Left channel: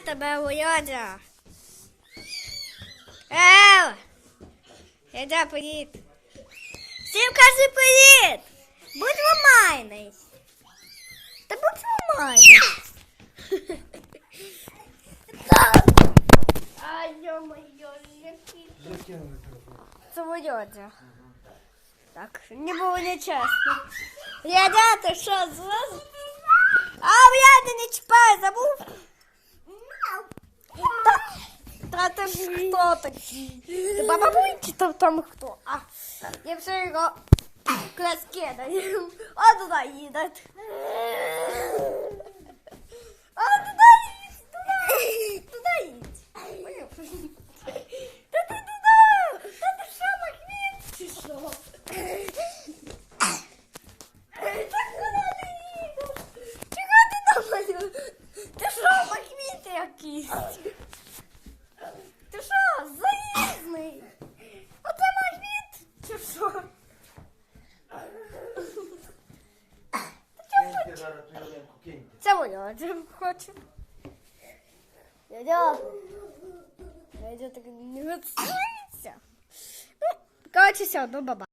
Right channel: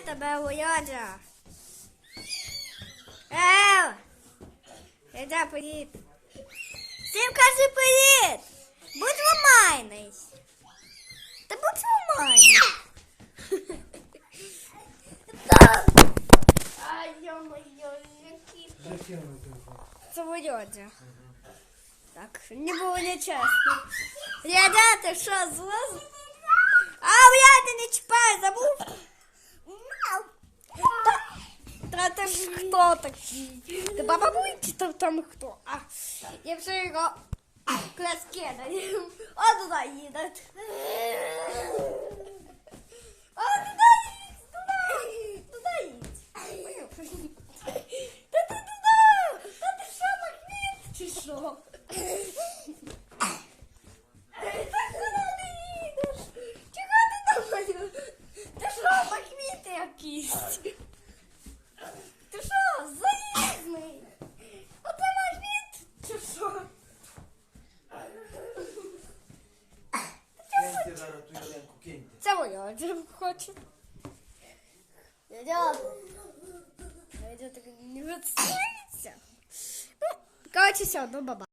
тебе, Володя. Ел! Іди, привіт. Всім кажи привіт! Будь ломайний. Та будь ломайний. Ай, йо-моє, який ти. Це Володя. Так, не було нечесно. Рядя, ти що, злоз? А, Рядя, не та ти ж хто такий? Ти баба Буйки там, там хто? А, я все його кидаю. А туди їде. А туди їдь, туди, туди їдь. Та ти туди, та ти що, магніт, чи що? Так куди ти їдеш? Чого ти думаєш? Ти що, магніт якийсь? Зараз ту ялинку, киньте. Це моя хоче. Дядя. Дядя так не відсується. Ну, коротше, все, ну баба.